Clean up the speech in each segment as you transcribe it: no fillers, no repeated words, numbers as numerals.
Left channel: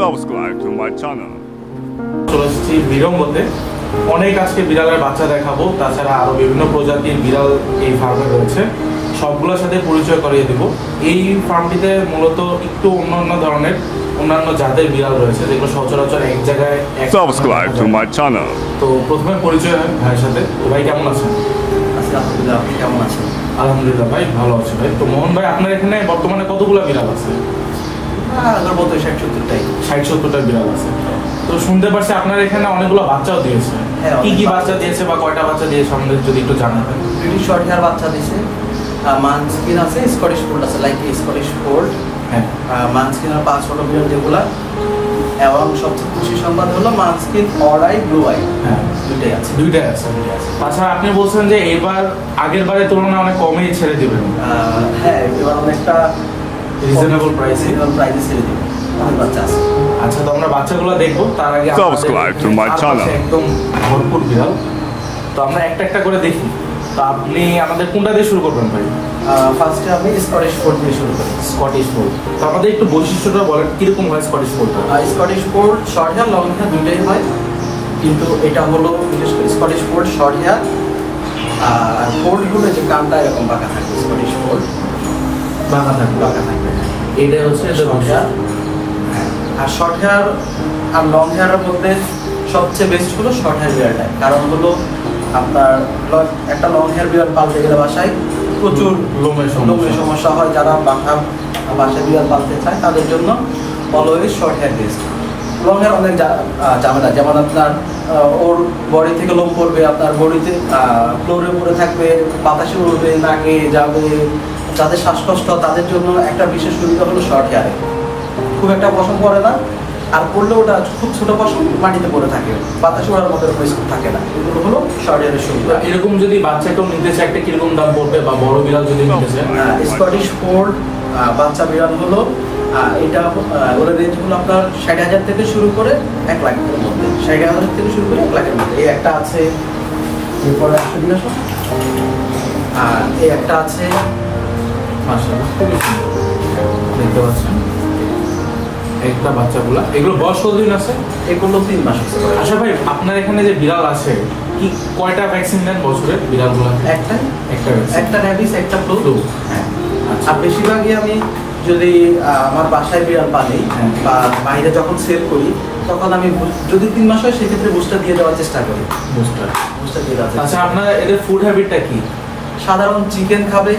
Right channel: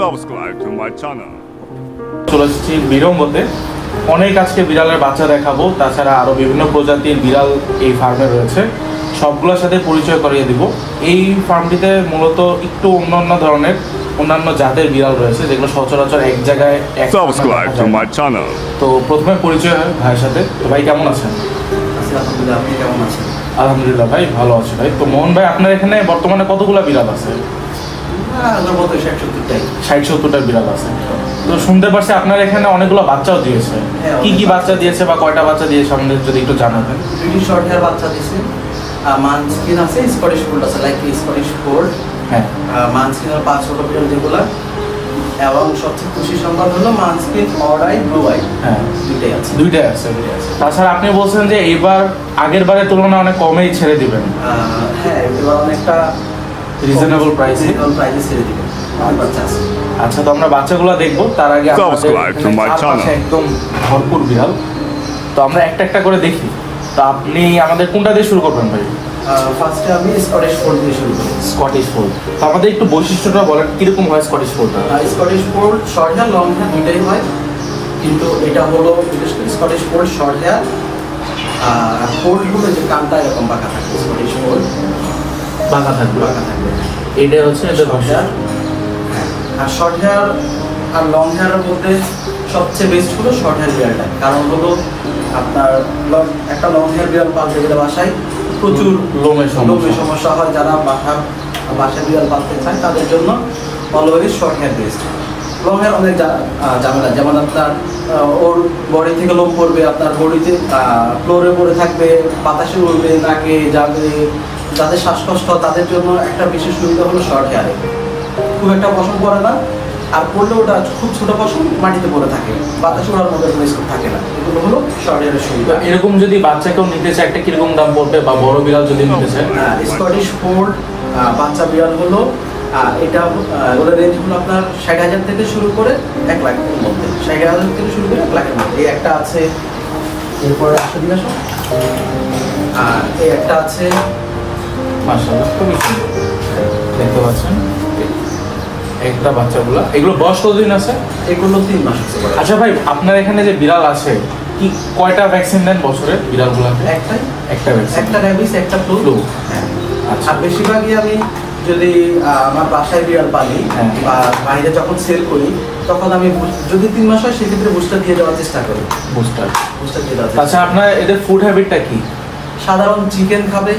Subscribe to my channel. চলে এসেছি বিরঙ্গতে অনেক আজকে বিড়ালের বাচ্চা দেখাবো, তাছাড়া আরো বিভিন্ন প্রজাতির বিড়াল এই ফার্মে রয়েছে, সবগুলোর সাথে পরিচয় করিয়ে দিব। এই ফার্মটিতে মূলত একটু অন্যান্য ধরনের অন্যান্য জাতের বিড়াল রয়েছে যেগুলো সচরাচর এক জায়গায়। Subscribe to my channel. তো প্রথমে পরিচয় ভাইয়ের সাথে। তো ভাই কেমন আছেন? আলহামদুলিল্লাহ, আপনি কেমন আছেন? আলহামদুলিল্লাহ ভাই, ভালো আছি ভাই। তো মোহন ভাই, আপনার এখানে বর্তমানে কতগুলো বিড়াল আছে? আমার মতো 60-70টাই। 60-70টা বিড়াল আছে। তো শুনতে পারছি আপনার এখানে অনেকগুলো বাচ্চাও দিয়েছে। হ্যাঁ, কি কি বাচ্চা দিয়েছে বা কয়টা বাচ্চা দিয়েছে আমাদের যদি একটু জানাবেন। ব্রিটিশ শর্ট হেয়ার বাচ্চা দিয়েছে, মানস্কিন আছে, স্কটিশ ফোল্ড আছে, লাইক স্কটিশ ফোল্ড। হ্যাঁ, মানস্কিনের 5 ছোট বিড়াল যেগুলা, এবং সবচেয়ে খুশি সংবাদ হলো মানস্কিন অড আই, ব্লু আই, হ্যাঁ দুইটাই আছে। দুইটাই আছে। তাছাড়া আপনি বলছেন যে এবার আগের বারের তুলনায় অনেক কমেই ছেড়ে দিবেন। হ্যাঁ, এবার অনেকটা রিজনেবল প্রাইসে ছেড়ে দিব, অনেক বাচ্চা আছে। আচ্ছা, তো আমরা বাচ্চাগুলো দেখবো, তার আগে Subscribe to my channel. একদম ভরপুর বিড়াল, তো আমরা একটা একটা করে দেখি। তো আপনি আমাদের কোনটা দিয়ে শুরু করবেন ভাই? ফার্স্টে আমি স্কটিশ ফোল্ড দিয়ে শুরু করি। Scottish fold. তো আমাদের একটু বৈশিষ্ট্যটা বলেন, কিরকম হয় স্কটিশ ফোল্ডটা? Scottish fold short hair, long hair দুইটাই হয়, কিন্তু এটা হলো বিশেষ করে স্কটিশ ফোল্ড শর্ট হেয়ার। আর ফোল্ড হলো যে কানটা এরকম বাঁকা থাকবে, স্কটিশ ফোল্ড বাঁকা থাকবে। বাঁকা থাকবে, হ্যাঁ। এটা হচ্ছে শর্ট হেয়ার। হ্যাঁ, আর শর্ট হেয়ার আর লং হেয়ারের মধ্যে সবচেয়ে বেস্ট হলো শর্ট হেয়ার বিড়ালটা। কারণ হলো আপনার একটা লং হেয়ার বিড়াল পালতে গেলে বাসায় প্রচুর লোমের সমস্যা হয়। যারা বাসায় বিড়াল পালতে চায় তাদের জন্য always short hair best. Long hair অনেক ঝামেলা, যেমন আপনার ওর বডি থেকে লোম পড়বে, আপনার বডিতে ফ্লোরে পড়ে থাকবে, বাতাসে উড়বে, নাকে যাবে। যাদের শ্বাসকষ্ট তাদের জন্য একটা বিশেষ সুবিধা হলো শর্ট হেয়ারে, খুব একটা পশম পড়ে না, আর পড়লে ওটা খুব ছোট পশম মাটিতে পড়ে থাকে, বাতাসে ওড়ার মধ্যে স্কোপ থাকে না। এগুলো হলো শর্ট হেয়ারের সুবিধা। এরকম যদি বাচ্চাকেও নিতে চায়, একটা কিরকম দাম পড়বে, বা বড় বিড়াল যদি নিতে চায়? স্কটিশ ফোল্ড বাচ্চা বিড়াল হলো এটা ওগুলো রেঞ্জ হলো আপনার 60,000 থেকে শুরু করে 1 লাখের মধ্যে। 60,000 থেকে শুরু করে 1 লাখের মধ্যে। এই একটা আছে, এরপরে আসতে দিন আসো। এই একটা আছে, মাশাআল্লাহ, খুবই সুন্দর দেখতে পাচ্ছেন একটা বাচ্চাগুলা। এগুলো বয়স কতদিন আছে? এগুলো 3 মাস হচ্ছে। আচ্ছা ভাই, আপনার এখানে যে বিড়াল আছে, কি কয়টা ভ্যাকসিন দেন বছরে বিড়ালগুলো? একটা ভ্যাকসিন, একটা র্যাবিস, একটা ফ্লু। হ্যাঁ, আর বেশিরভাগই আমি যদি আমার বাসায় বিড়াল পালি বা বাইরে যখন সেল করি, তখন আমি যদি 3 মাস হয় সেক্ষেত্রে বুস্টার দিয়ে দেওয়ার চেষ্টা করি। বুস্টার দিয়ে দেওয়ার চেষ্টা। আচ্ছা, আপনার এদের ফুড হ্যাবিটটা কি? সাধারণ চিকেন খাবে।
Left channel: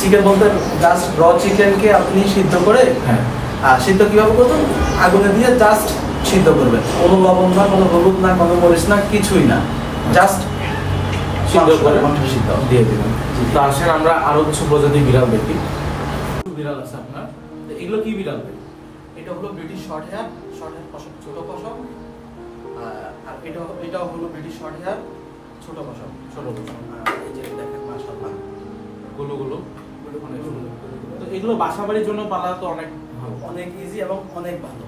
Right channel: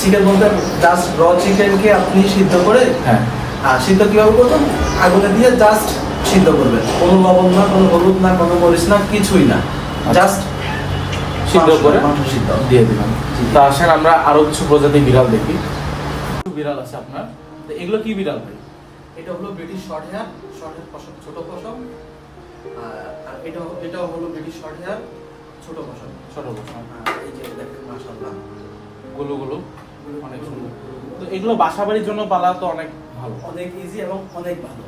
চিকেন বলতে জাস্ট র চিকেনকে আপনি সিদ্ধ করে, আর সিদ্ধ কিভাবে করবেন? আগুনে দিয়ে জাস্ট সিদ্ধ করবেন, কোনো লবণ না, কোনো হলুদ না, কোনো মরিচ না, কিছুই না, জাস্ট সিদ্ধ করে মাংস সিদ্ধ দিয়ে দিলাম। তা আসেন আমরা আরো কিছু প্রজাতির বিড়াল দেখি। বিড়াল আছে আপনার, তো এগুলো কি বিড়াল ভাই? এটা হলো ব্রিটিশ শর্ট হেয়ার, পশম, ছোট পশম। আর এটাও হলো ব্রিটিশ শর্ট হেয়ার, ছোট পশম। এই যে দেখেন, মাশাআল্লাহ, গুলো অনেক সুন্দর। তো এগুলো বাসাবাড়ির জন্য পালা তো অনেক ভালো, অনেক ইজি এবং অনেক ভালো।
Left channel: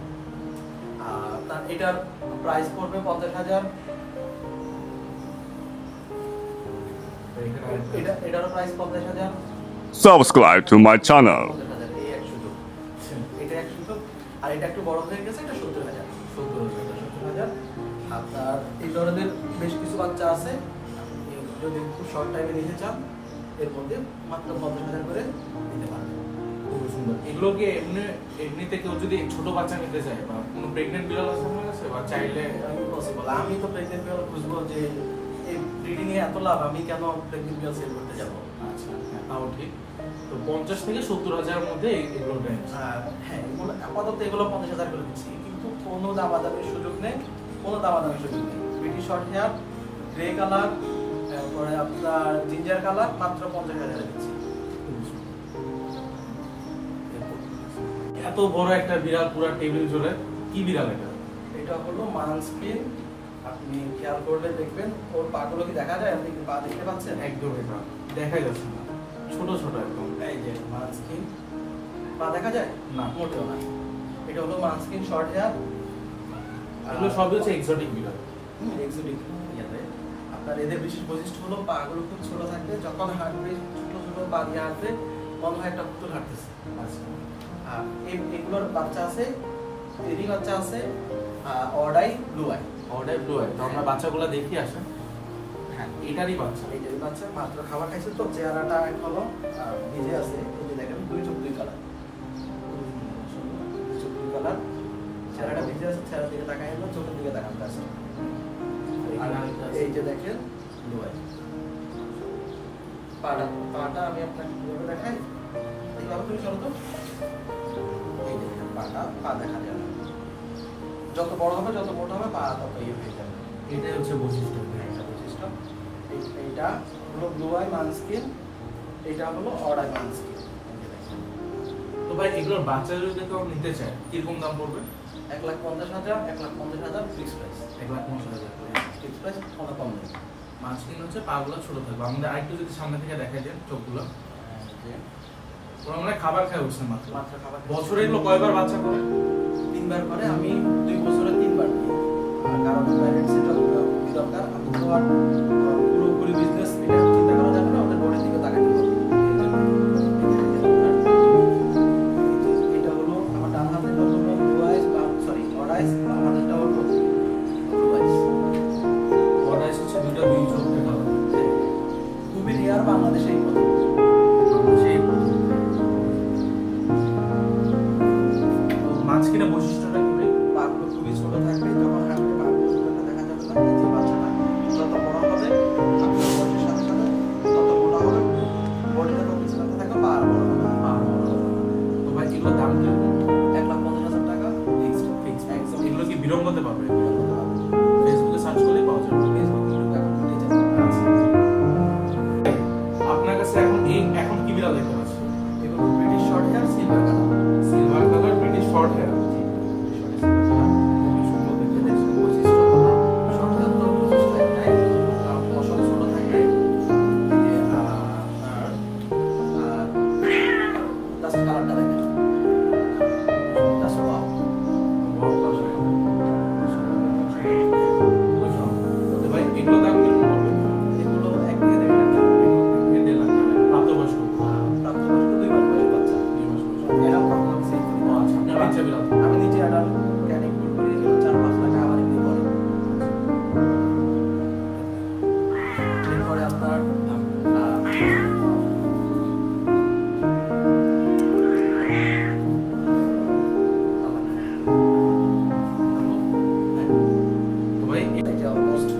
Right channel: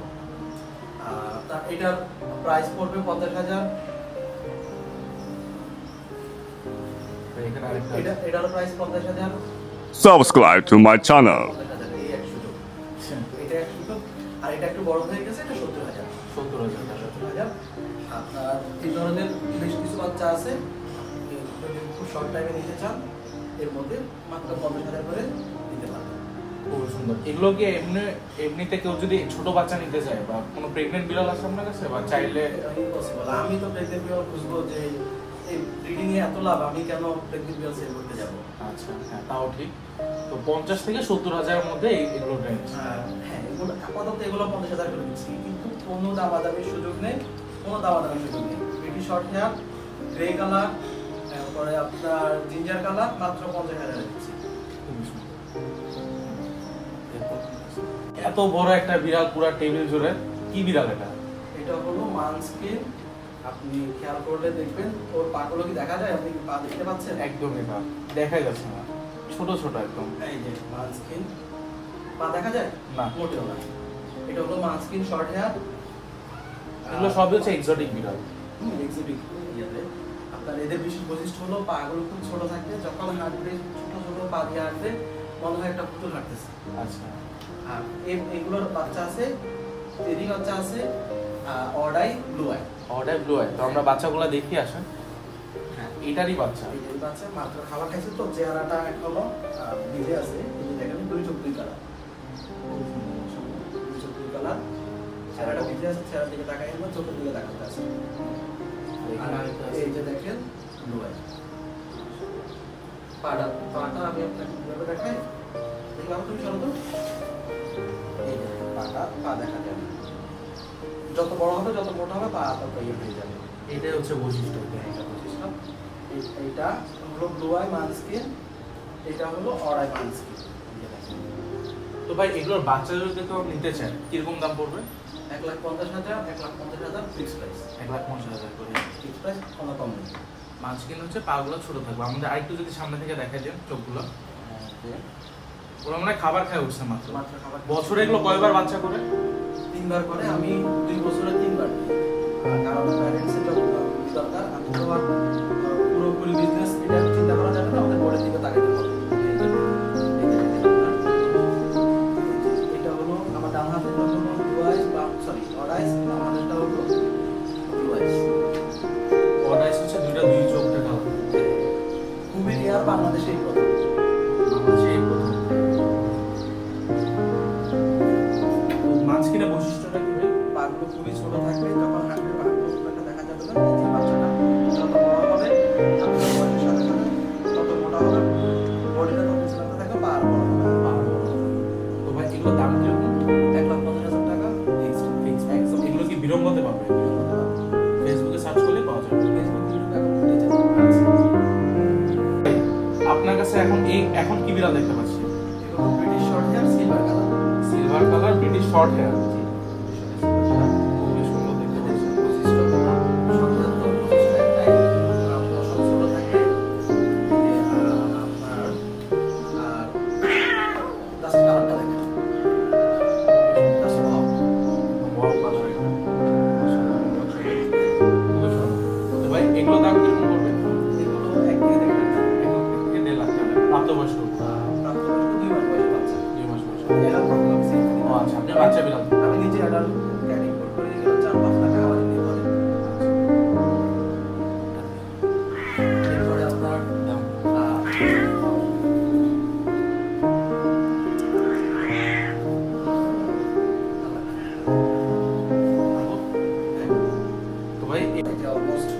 তার এটার প্রাইস পড়বে 50,000। এটারও price 50,000। Subscribe to my channel. 50,000, এই এক সুযোগ। এটা এক সুযোগ। আর এটা একটু বড় হয়ে গেছে, এটা 70,000। 70,000। আপনার এই ধরনের বেশ কিছু বাচ্চা আছে, যদি খুব শর্ট টাইমে নিতে চান এর মধ্যে মাত্র 50,000 করে দিতে পারবেন। খুব সুন্দর। এগুলো কি এমনিতে কেউ যদি ছোট বাচ্চা নিতে চায়, বা কোনো প্রেগনেন্ট বিড়াল আছে আপনার কাছে, বা চাইলে? ইম্পসিবল। আমি তো প্রেগনেন্ট বিড়াল খুঁজবো, যে এই ব্রিডিং এ এত লাভ, আমি কেন প্রেগনেন্ট বিড়াল সেল করতে যাব? আচ্ছা, হ্যাঁ, তাও ঠিক। তো 50 থেকে 70,000 মধ্যে এগুলো রেঞ্জ। হ্যাঁ, এগুলো আপাতত এগুলো 50,000 করে দিচ্ছি, কিন্তু কোনো দামাদামির সুযোগ নেই, কোনো দামাদামির সুযোগ নেই। British short hair, grey colour, তারপরে আপনার জিঞ্জার কালার, মাত্র 50,000 দিচ্ছি। এত বড় একটা বিড়াল, পুরো টেবিল জুড়ে, কি বিড়াল এটা? এটা হলো মানস্কিন। আপনি খেয়াল করলে দেখবেন ওর পাগুলো কি দেখা যায়? আপনি কি পা দেখতে পাচ্ছেন? একদমই না, দেখাই যাচ্ছে না, ছোট ছোট একদম। এই যে মানস্কিন, পা দেখা যায় না, মোটেও না। এটা হলো মানস্কিন শর্ট হেয়ার। এগুলো সবই হচ্ছে এক্সোটিক বিড়াল। এক্সোটিক ইয়াতে আপনার এদের বিশেষ বৈশিষ্ট্য হলো পাগুলো খুব ছোট থাকবে, যখন হাঁটবে ছোট ছোট পা দিয়ে হাঁটবে, মনে হয় একটা পুতুল হাঁটতেছে। আচ্ছা, আর এগুলোর বাচ্চা আছে এরই বাচ্চা আছে অর্ডাই ব্লু আই। অর্ডার ব্লু আই। তো আমরা বাচ্চাগুলো দেখি আসেন। হ্যাঁ, এটারই বাচ্চা। এইটারই বাচ্চা, মাত্র খাবার খাইছে তো চেহারাটা এখনো ভিজে আছে। এই যে দেখেন দুই চোখ দুই কালার, দুই চোখ দুই কালার, চেহারাটা ভিজে আছে। চেহারার দিকে তাকাই হলো, চোখের দিকে তাকাতে আছে। আর এই যে দেখেন ব্লু আই। পাটা আমি আপনাকে কিভাবে দেখাই, এইভাবে তুমি চলো তো। এই যে দেখেন পা দেখা যায় না, যত বড় হবে যত মোটা হবে পা তত ইয়ে হয়ে যাবে। এটাই হচ্ছে বৈশিষ্ট্য। এটা বৈশিষ্ট্য। এইটা হলো ব্লু আই মানস্কিন, এটা হলো অড আই মানস্কিন। তো ভাই এগুলোর বাচ্চা যদি কেউ নিতে চায় কিরকম দাম পড়বে? 1,50,000, 1,50,000 ফিক্স প্রাইস। 1,50,000 করে ফিক্স প্রাইস, কোনো কম নেই। মাঝখানে হচ্ছে পাগুলো ছোট থাকবে। আমাদের আরেকটু যদি সামনে থেকে দেখা যায় চোখগুলো, ওরা মানে খাবার খায় উঠছে মাত্র। খাবার বছরে এগুলো কয়বার বাচ্চা করে? 3 বার করে। আমি 2 বছরে 3 বার দিই, কারণ প্যারেন্টসের যখন খুবই দরকার। আমি তো আর পুরোপুরি বিজনেস এটা চিন্তা করা যাবে না, ওদের বডির দিকে তাকাতে হবে। এটা হলো আমার ডান হাতে হলো ব্লু আইস, বা সরি অড আইস, আমাদেরটা হলো ব্লু আইস। অড আইস হচ্ছে দুই চোখের কালার। খুবই রেয়ার, বাংলাদেশে এই প্রথম। তো মাঝখানে বৈশিষ্ট্যটা কি ভাই? পাগুলো খুবই ছোট থাকবে, যখন হাঁটবে পাগুলো খুব একটা দেখা যাবে না। এই যে বাচ্চাটা যত বড় হবে আপনার বয়সের সাথে সাথে তত মোটা হবে, বডিটা তত চিলাতে থাকবে, পা আর বড় হবে। তো ভাই এগুলোর দাম কিরকম? 1,50,000 টাকা ফিক্সড একদম। এগুলো কি বিড়ম্বতে পাবে? ফেসবুকে সার্চ করলে পাওয়া যাবে। ফেসবুক ইউটিউব এখন পেয়ে যাবে। আপনার কাছে এখন কি বিড়াল দেখতে পাচ্ছি? এগুলো British short hair silver colour. Silver colour British short hair. খুবই সুন্দর দেখতে। দেখছেন বৈশিষ্ট্য হলো সচেতন বৈশিষ্ট্য একটাই, পশম ছোট থাকবে। এই যে আপনার জাস্ট কালারটা দেখেন, জাস্ট ওয়াও। তো ভাই এগুলো দাম কিরকম পড়বে? এগুলো 1 থেকে 1.5 লাখ টাকা। 1.5 লাখ টাকা। প্রাপ্তবয়স্ক? প্রাপ্তবয়স্ক 2 মাস বয়সের বাচ্চা। 2 মাস বয়স। অ্যাডাল্ট কখনো সেল করি না। আচ্ছা, আপনার বাচ্চা বিড়াল? আমি নিজে অ্যাডাল্ট ক্যারিং করি, এগুলো 4-5 লাখ টাকা বাড়ি দিয়ে পড়ে। এরপরে আপনার তো ভাই অলমোস্ট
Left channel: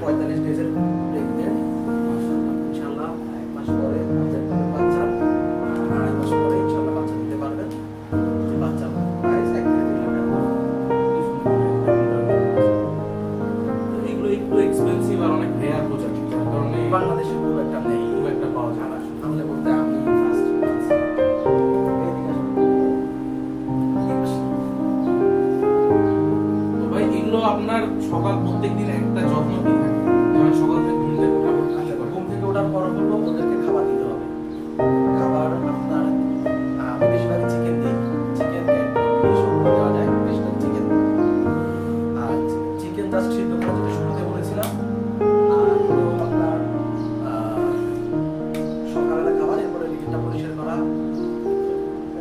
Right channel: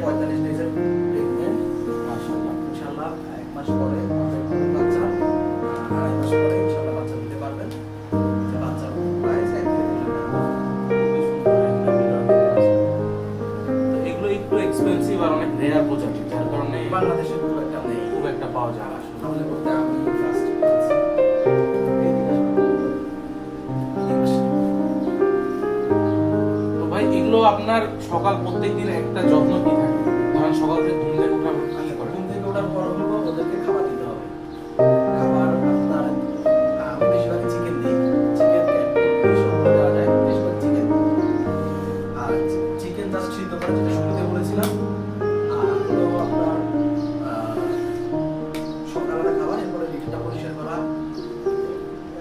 45 ডেজের প্রেগনেন্ট, ইনশাআল্লাহ 1 মাস পরে আমাদের বাচ্চা, 2.5 মাস পরে ইনশাআল্লাহ বাচ্চা দিতে পারবেন। যে বাচ্চার প্রাইস 1 থেকে 2 লাখ টাকা। এগুলো একটু এক্সপেন্সিভ আর অনেক রেয়ার প্রজাতি, যার কারণে বাংলাদেশে খুব একটা নেই, খুব একটা পাওয়া যায় না। তাহলে বলতে আমি ফার্স্ট তো ভাই এগুলো আপনার সকাল প্রত্যেকদিন একটা যত্ন কি থাকে? ধরেন সকাল থেকে ঘুম থেকে ওঠার পর কি করে? ঘুম থেকে ওঠার পর বলবো ওদেরকে খাবার দিতে হবে। খাবার আপনার আমি বেশিরভাগ চিকেন দিই, চিকেন সব দেওয়া যায়, বেশিরভাগ চিকেন। আর চিকেন জাস্ট সিদ্ধ করে, যেটা শুরুতে বলেছিলাম। আর হলো আপনার সকালবেলা খাবার, এরপরে লিটারটা পরিষ্কার করা।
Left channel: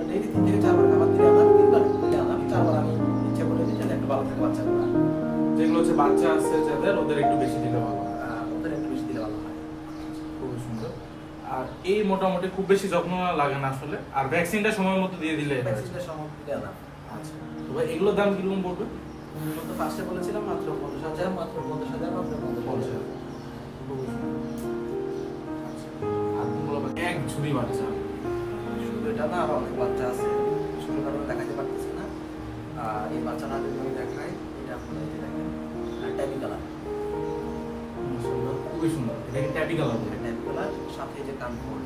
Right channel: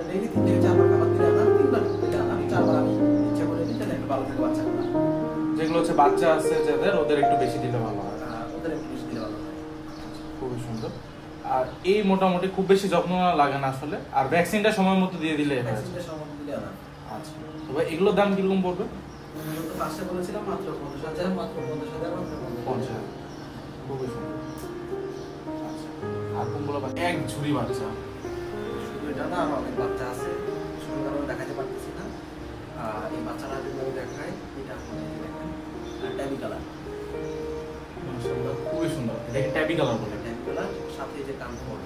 ডেইলি 3 থেকে 4 বার খাবার দিলে আনা, 3 বার দিলে আনা, 4 বার আমি ইচ্ছা করে দিই, তাহলে একটু ভালো থাকে বাচ্চাগুলো। যেগুলো হচ্ছে বাচ্চা আছে যাদের, ওদের একটু বেশি দিলে ভালো হয়। ওদের একটু বেশি দিলে ভালো হয়। খুবই সুন্দর। আর এই মোটামুটি খুব বেশি যত্ন লাগে না আসলে, আর ভ্যাকসিনটা সময় মতো দিয়ে দিলে। ভ্যাকসিনটা সময় দিলে আনা। আচ্ছা, তো ভাই এগুলোর দাম কিরকম পড়বে? আমি তো ফার্স্টে বলেছিলাম মাত্র 50,000, মাত্র 50,000, মাত্র 50,000। খুবই সুন্দর। আর কোনগুলো এক ঝুড়ি বাচ্চা? শুধু এটা না, আরো অনেক বাচ্চা আছে, শুধু কারণে দেখাতে পারতেছি না। এই বাচ্চাটা যদি আমি দেখাই, এটা আপনারা এই যে দেখেন ট্যাবি কালার। খুবই সুন্দর। এটাকে ট্যাবি কালার বলে। ট্যাবি কালার, সাথে এই যে কান ফোল্ড।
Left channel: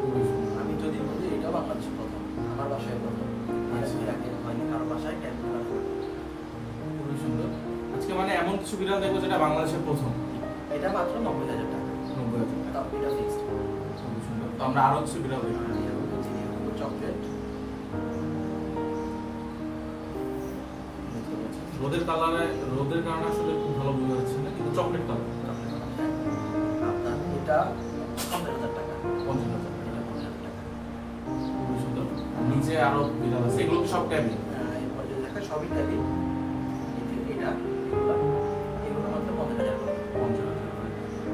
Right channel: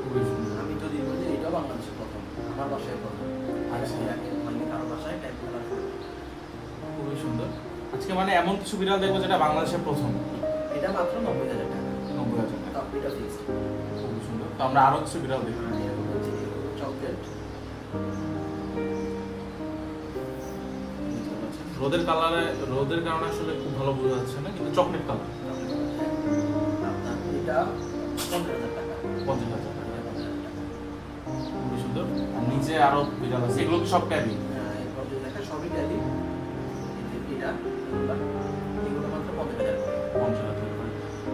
খুবই সুন্দর। আমি যদি বলি এটাও বাংলাদেশে প্রথম, আমার বাসায় প্রথম। আচ্ছা, এর আগে হয়নি কারো বাসায় ট্যাবি কালার ফোল্ড। খুবই সুন্দর। আজকে মানে এমন কিছু বিড়াল দেখবো যেটা বাংলাদেশের প্রথম। এটা মাত্র 90,000 টাকা। 90,000 টাকা। টপ এটা ফিক্সড। খুবই সুন্দর। তো আমরা আরো কিছু বিড়াল দেখবো। চকলেট। দেখতে পাচ্ছেন রোদের কারণে আসলে খুব ভালো বোঝা যাচ্ছে না, কিন্তু চকলেট কালার। চকলেট কালার, হ্যাঁ। আপনার এটা 50,000 টাকা। 50,000 এটা 50,000 টাকা। খুবই সুন্দর। আর নিচে নিচে আরো বিড়াল আছে, এগুলো সব ট্যাবি। এরপর যে দেখা সবই ট্যাবি। এটা এগুলো মাত্র 50,000 করে।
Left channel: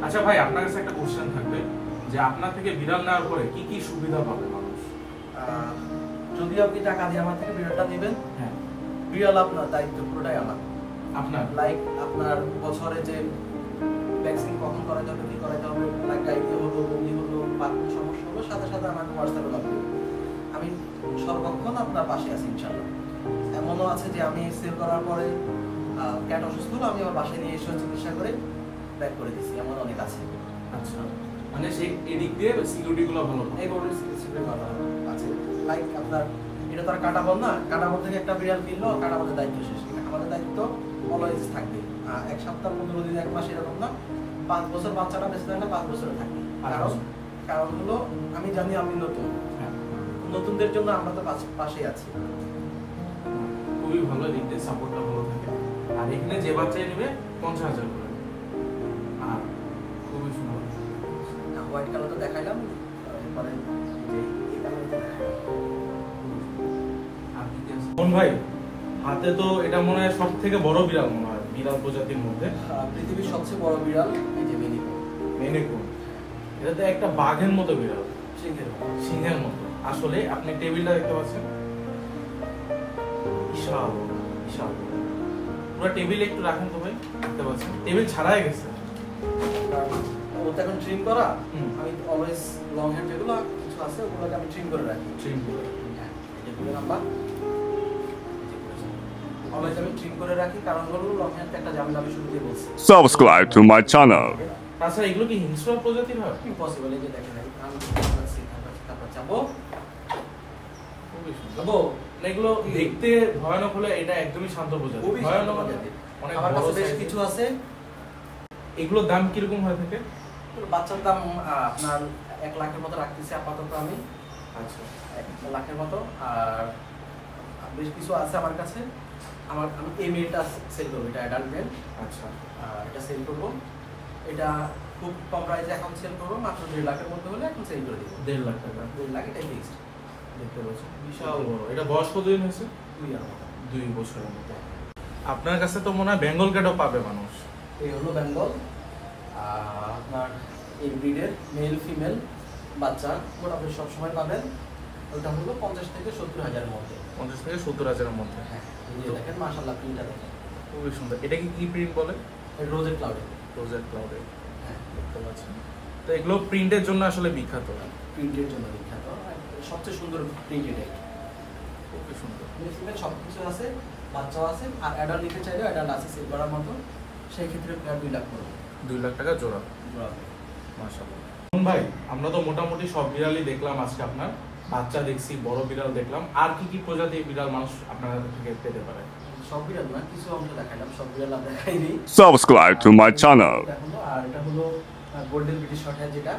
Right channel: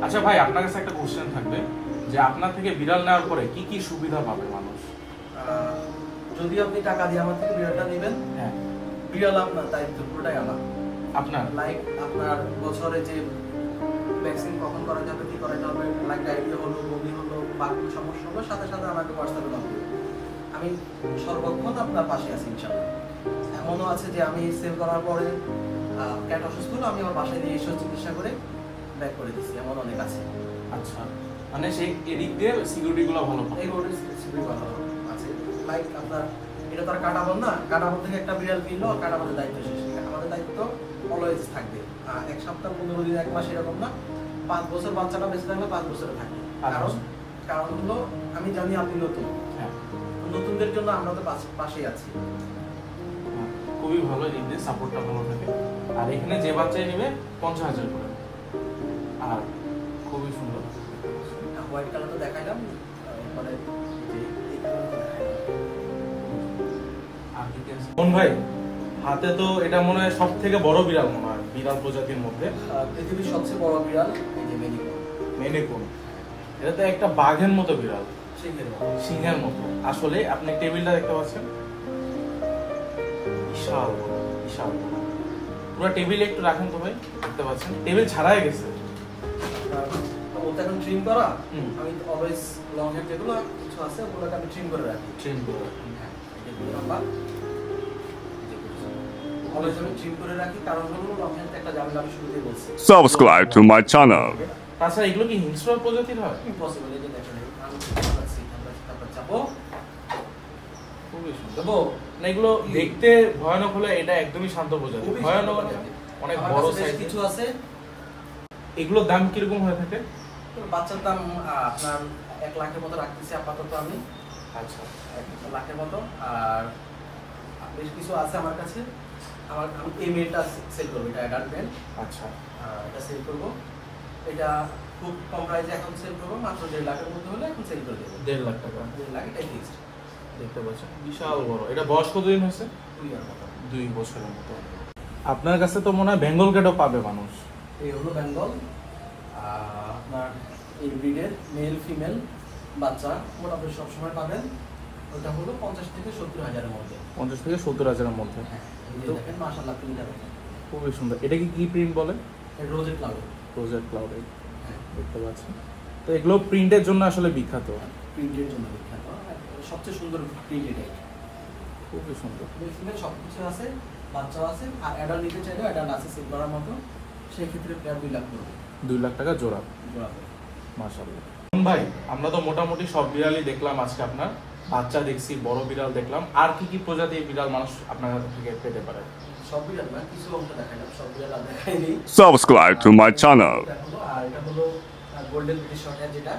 আচ্ছা ভাই, আপনার কাছে একটা কোশ্চেন থাকবে যে আপনার থেকে বিড়াল নেওয়ার পরে কি কি সুবিধা পাবে মানুষ? যদি আপনি টাকা দিয়ে আমার থেকে বিড়ালটা নেবেন, হ্যাঁ, বিড়াল আপনার দায়িত্ব পুরোটাই আমার। আপনার লাইক আপনার বছরে যে ভ্যাকসিন কখন করাতে হবে, কি করাতে হবে, লাইক ডায়রিয়া হলো, বমি হলো বা কোনো সমস্যা হলো, সাথে সাথে আমাকে হোয়াটসঅ্যাপে নক করুন। আমি সর্বক্ষণ আপনার পাশে আছি ইনশাআল্লাহ। এমনও আছে যে আমি সেল করার পরে ক্যাট অসুস্থ হলো, আমি আমার বাসায় নিয়ে এসে চিকিৎসা করে ব্যাক করে দিচ্ছি, এমন অনেক আছে। আচ্ছা, মানে সেই এদিক দিয়ে সিকিউরিটি গুলো ভালো পাবে। এই বোর্ডের সিকিউরিটি ভালো আছে। লাইক আপনার এটা তো আর কাটাবন না, কাটাবন থেকে একটা বিড়াল কিনলো, কাটাবনের দায়িত্ব শেষ। আমাদের দায়িত্ব অলওয়েজ থাকবে। 1 সপ্তাহ 15 দিন 1 মাস এরকম না, 5 বছর বাচ্চাটা বেঁচে থাকলে 5 বছরে থাকবে। কারণ হলো আমি জানি আপনি নতুন, নতুনদের জন্য আমরা তো পাশেই আছি। খুবই ভালো, দিক দিয়ে সাপোর্টটা ভালো থাকে। আর এখানে যে বাচ্চাই নেবে 50,000 করে। আর খুবই সুন্দর হোয়াইট কালার তো দেখাইলাম, এরপরে এই কালারটা দেখাইলাম। আর কি আছে মন ভাই? হাতে তো এটা মনে হয় সবথেকে বড় বিড়াল, বিড়াল প্রজাতির মধ্যে পৃথিবীর সবচেয়ে বড় বিড়াল এই যে মেনিকুন। মেনিকুন, এটা তো একটা বাঘের মতো বিড়াল, সিংহের মতো। আসলে আপনি টেবিলটা দেখতে পাচ্ছেন, বিশাল বিশাল। পুরো টেবিলে একটু রাখেন তো ভাই, দেখতে পাচ্ছেন টেবিল ছাড়াই গেছে। ওটা এখন ট্রিম করা, আমি অলওয়েজ লং হেয়ার যেগুলো কিছু আছে ওগুলোকে আমি ট্রিম করে রাখি। হ্যাঁ, এই যে গুলো নাম্বার, অলওয়েজ আমি ট্রিম করে রাখি, কারণ হলো লং হেয়ারতে একটা ঝামেলা আমি শুরুতেই বলছি। Subscribe to my channel. তাছাড়া এগুলো কি হিংস্র প্রজাতির হয়? ইম্পসিবল। এই যে দেখেন আমি তারপর চাপো যাবো না, এগুলো দেখতে ভয়ানক হলে এটা একদমই শান্ত প্রজাতি। ভয়ানক অনেক আমার বড় কাছে বেশ কিছু আছে। এগুলোর দাম কিরকম হয়ে থাকে? বাচ্চার দাম আপনার 1 লাখের মতো রাখতেছি আপাতত আমি। আচ্ছা, 1 লাখের মতো। আর বেশ কিছু আছে আমার কাছে। আমি এই মেয়েটা সেল করবো, এটা অ্যাডাল্ট মেল। আচ্ছা, এটা সেল করব। এটা খুব কম প্রাইসে এখন সেল করবো, মাত্র 1.5 লাখের মধ্যে হলে এখন সেল করে দেবো। 1.5 লাখ টাকা। 1.5 লাখ, এটাই ফিক্সড। দেখতে পাচ্ছেন বিশাল বড়। এটা বয়স কতদিন হয়েছে? 2 ইয়ার মতো। 2 বছরের মতো। আপনার কাছে তো মনে হয় বেঙ্গল ক্যাটও পাবে মানুষ। এই হলো বেঙ্গল। আপনার এই ব্রিডের মেল ফিমেল বাচ্চা মোটামুটি সবসময় পাবেন। ওটা হলো 50 থেকে 70 হাজারের মধ্যে। 50 থেকে 70,000-এর মধ্যে। হ্যাঁ, এই যে দেখেন মাশাআল্লাহ প্রিন্টার খুবই সুন্দর। এটা কি প্রিন্ট বলে? Rosette cloud. রোজেট ক্লাউড, হ্যাঁ, দেখতে পাচ্ছেন। তো এগুলো প্রিন্টের জন্য আসলে বিখ্যাত। প্রিন্টের জন্য বিখ্যাত। সবচেয়ে সুন্দর প্রিন্ট এটাই। খুবই সুন্দর। মেল ফিমেল সব কিছু আছে, বাচ্চাও আছে। আর অ্যাডাল্ট নিতে চাইলেও অ্যাডাল্ট আছে সেল করার মতো। সেই ক্ষেত্রে প্রায় 2 লাখ পড়বে। 2 লাখ টাকা জোড়া। মাশাআল্লাহ। ভাই, আমরা তো মোটামুটি সব বিড়ালই দেখলাম আজকে। আপনার বাচ্চা দেখছি, বড় বিড়াল দেখলাম। আর কি কি প্রজাতির বিড়াল মানুষ আপনার কাছ থেকে পেতে পারে? সব বিড়াল না, কিছু অংশ দেখাইলাম, সব বিড়াল আর দেখাইনি। Subscribe to my channel. আর এটা হলো গোল্ডেন ব্রিটিশ শর্ট হেয়ার, যেটা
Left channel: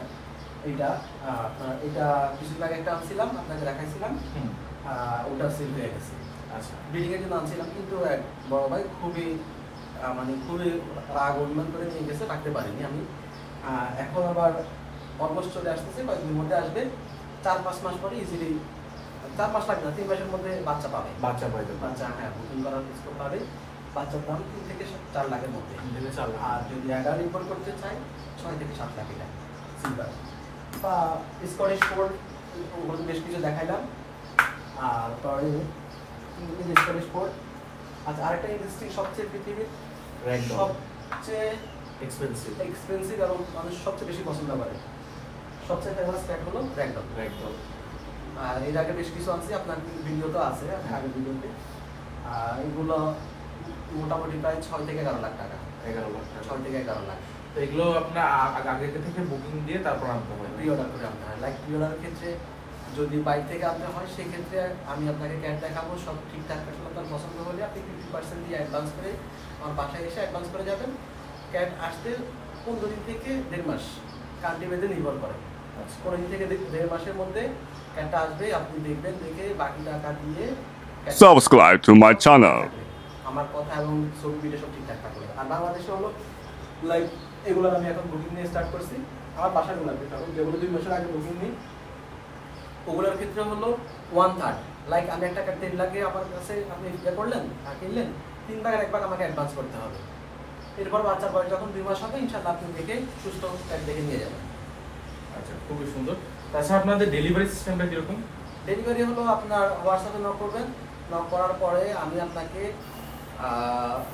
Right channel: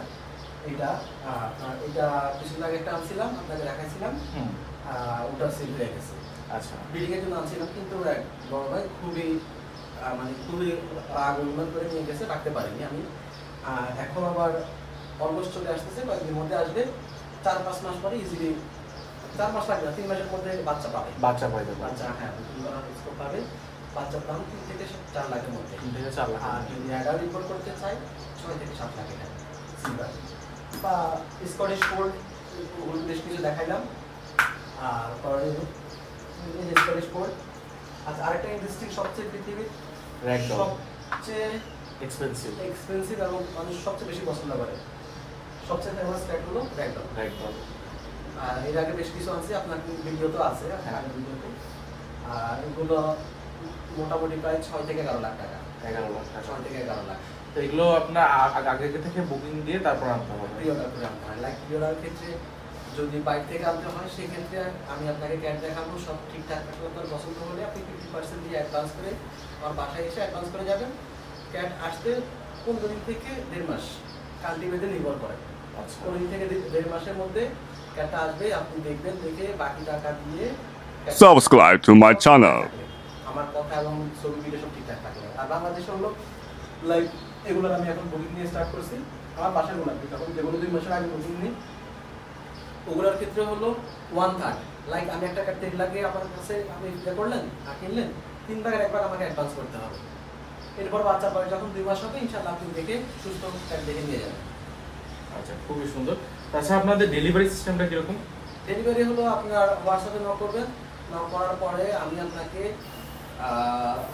এটা আপনার এটা কিছুদিন আগে একটা আনছিলাম, আপনাকে দেখাইছিলাম। ওটা সেল হয়ে গেছে। আচ্ছা, ব্রিডিং এর জন্য আনছিলাম, কিন্তু এক বড় ভাই খুবই খুবই রাগ অভিমান করে নিয়ে গেছে, রাখতে পারিনি আমি। এখন আবার অলমোস্ট চলে আসতেছে, কয়েকদিনের মধ্যে আসবে। 4-5 মাস পরে ইজিলি, 4 মাস লাগবে না, 3 মাসের মধ্যে বাচ্চা পাবে। বাচ্চা পাবে। বাচ্চা, হ্যাঁ, বুকিং করার স্কোপ পাবে। বাচ্চার দাম 3 থেকে 4 লাখের মধ্যে। 3 থেকে 4 লাখ। আর যদি অ্যাডাল্ট রিপোর্ট করতে চাই 6 থেকে 7 লাখ এটা সিলভার বা স্কটিশ ফোল্ড, বেশ কিছু দেখাইলাম। আর পরে স্কটিশ ফোল্ড। আচ্ছা, আরেকটা ইন্ডাস্ট্রি সবচেয়ে পৃথিবীর সবচেয়ে এক্সপেন্সিভ এবং মানুষ সবচেয়ে বেশি পছন্দ করে, সবচেয়ে ফেমাস ক্যাট হলো র্যাগডগ। আর এর আগে বেশ কিছু আছে, আপনার ভিডিও তো আছে আগের ভিডিওতে। আর এগুলো মোটামুটি প্রায় 6 থেকে 11 লাখ টাকা। 6 থেকে 11 লাখ। তো এগুলো আপনার আগে থেকে বুকিং দিয়ে তারপর আনতে হবে, প্রি অর্ডার করে আনতে হয়। লাইক প্রি অর্ডারের ক্ষেত্রে যদি বাইরে থেকে আনতে হয়, সেই ক্ষেত্রে আমি আপনাকে ক্যাট দেখাবো, সব ঠিকঠাক থাকলে আপনার পছন্দ হলে আপনি 50% দিয়ে অ্যাডভান্স করে আমার বাসায় এসে অ্যাডভান্স করে যাবেন। ক্যাট আসতে 15 দিন থেকে 1.5 মাস, কান্ট্রি ভেদে নির্ভর করে। 15 দিন থেকে 1.5 মাসের মধ্যে ক্যাটটা আসবে, আপনি দেখবেন, দেখে বাকি টাকা দিয়ে Subscribe to my channel. আমার কথা এবং ছবি ভিডিও সব ঠিকঠাক থাকলে। আর বাংলাদেশে হলো লাইক এগুলো আমি এখন বুকিং নিয়ে স্টার্ট করছি। আমার বাসাগুলো লাগবে, তখন যেগুলো 2 মাসের আগে বুকিং নিই ওগুলোর ক্ষেত্রে হলো 1/3, লাইক আমি একটা ক্যাট লাগিয়ে আপনার কাছে আপনি করলেন আর কিনলেন, 3 ভাগের 1 ভাগ আমাকে অ্যাডভান্স করতে হবে। এরপর বাচ্চার বয়স যখন 2 মাস হবে ইনশাআল্লাহ আপনি দেখে সুস্থ ক্যাট দেখে নিয়ে যাবেন। আচ্ছা, খুবই সুন্দর। তাছাড়া আপনাদের ডেলিভারি সিস্টেমটা কিরকম? ডেলিভারি হলো আপনার হোয়াটসঅ্যাপে নক করবেন, নক করার পরে আমি আপনাকে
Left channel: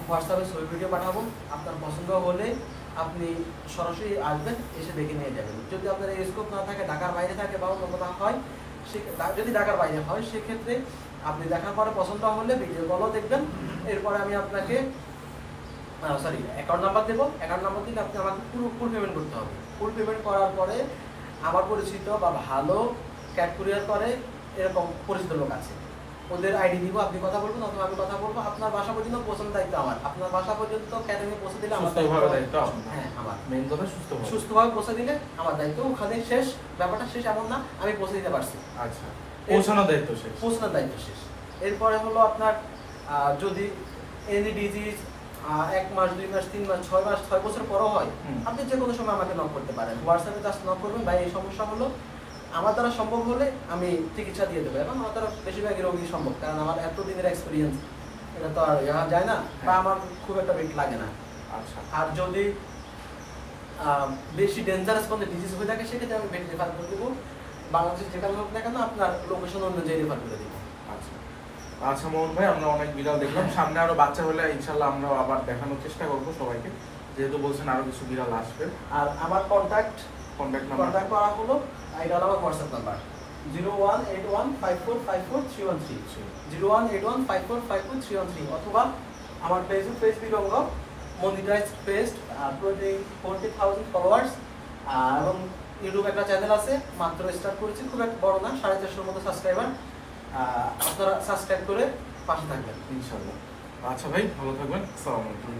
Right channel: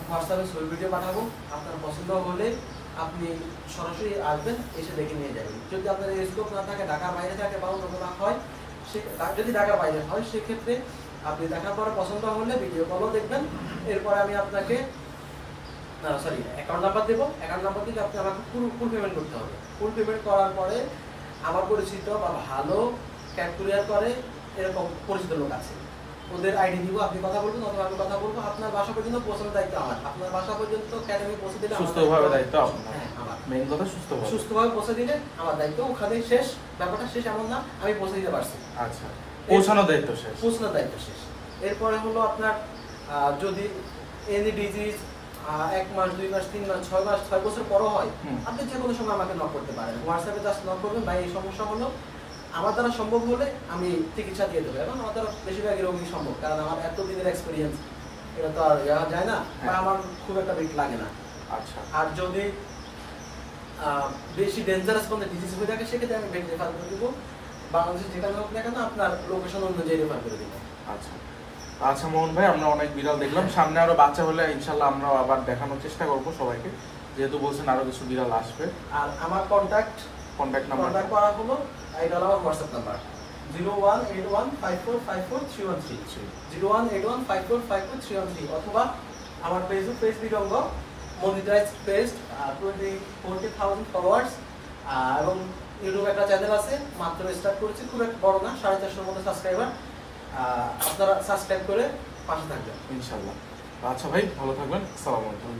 হোয়াটসঅ্যাপে ছবি ভিডিও পাঠাবো। আপনার পছন্দ হলে আপনি সরাসরি আসবেন, এসে দেখে নিয়ে যাবেন। যদি আপনার এই স্কোপ না থাকে, ঢাকার বাইরে থাকে বা অন্য কোথাও হয়, যদি ঢাকার বাইরে হয় সেক্ষেত্রে আপনি দেখার পরে পছন্দ হলে ভিডিও কলও দেখবেন। এরপরে আমি আপনাকে অ্যাকাউন্ট নাম্বার দেবো। অ্যাকাউন্ট নাম্বার দিলে আপনি আমাকে ফুল পেমেন্ট করতে হবে। ফুল পেমেন্ট করার পরে আমার পরিচিত বা ভালো ক্যাট কুরিয়ার করে এরকম পরিচিত লোক আছে, ওদের আইডি দিব, আপনি কথা বলবেন অথবা আমি কথা বলবো। আপনার বাসা পর্যন্ত পৌঁছানোর দায়িত্ব আমার। আপনার বাসা পর্যন্ত ক্যাট আমি পৌঁছে দিলে আমার দায়িত্ব। হ্যাঁ, আমার মেইন কথা সুস্থভাবে পৌঁছে দিলে আমার দায়িত্ব। ওখানে শেষ, ব্যাপারটা শেষ এমন না, আমি পৌঁছে দিতে পারছি। আচ্ছা, পৌঁছানোর দায়িত্ব শেষ। পৌঁছানোর দায়িত্ব শেষ। এরপরে হলো আপনার যদি এনি ডিজিজ 1 মাস 2 মাস 3 মাস 6 মাস 6 বছর পরও হয়, আপনি যে কোনো সময় আমাকে নক করতে পারেন। হোয়াটসঅ্যাপে জাস্ট নক করবেন, ভাই এই সমস্যা হলো, আমার দ্বারা সম্ভব হলে আমি চিকিৎসা দিয়ে দেবো। এবং আমার দ্বারা বেশিরভাগই রোগী সম্ভব, কারণ আমার এত দিনের এক্সপিরিয়েন্স, এটা তো আর জানা যায় না বা আমার খুব একটা বেট লাগে না। আচ্ছা, আর যদি বেশি ডেঞ্জারাস কোনো ডিজিজ হয়ে থাকে সেক্ষেত্রে আমি বেড রেফার করে দেবো। বাংলাদেশে যেখানে হোক না কেন আপনার লোকেশন অনুযায়ী রেফার করে দেবো। আচ্ছা আচ্ছা মোহন ভাই, আমরা অনেক বিড়াল দেখলাম, সামনে আরো বাচ্চা হলে ইনশাল্লাহ আমরা আবার দেখানোর চেষ্টা করবো সবাইকে, যেহেতু বলছেন আরো কিছু বিড়াল আসবে। আর আমার কন্ট্যাক্ট করা হলো, এটা হলো আমার হোয়াটসঅ্যাপ নাম্বার 0181545431 0181545431, অথবা আমার ফেসবুক পেজ বিরঙ্গ মনিটাইজ পেজ, 40,000 ফলোয়ার্স, এবং ইউটিউব একটা চ্যানেল আছে, মাত্র স্টার্ট করেছি, খুব একটা বড় না, 450-এর মতো সাবস্ক্রাইবার। আপনারা সাবস্ক্রাইব করে পাশে থাকবেন ইনশাল্লাহ। আচ্ছা ভাই, ভালো থাকবেন। আসসালামু আলাইকুম।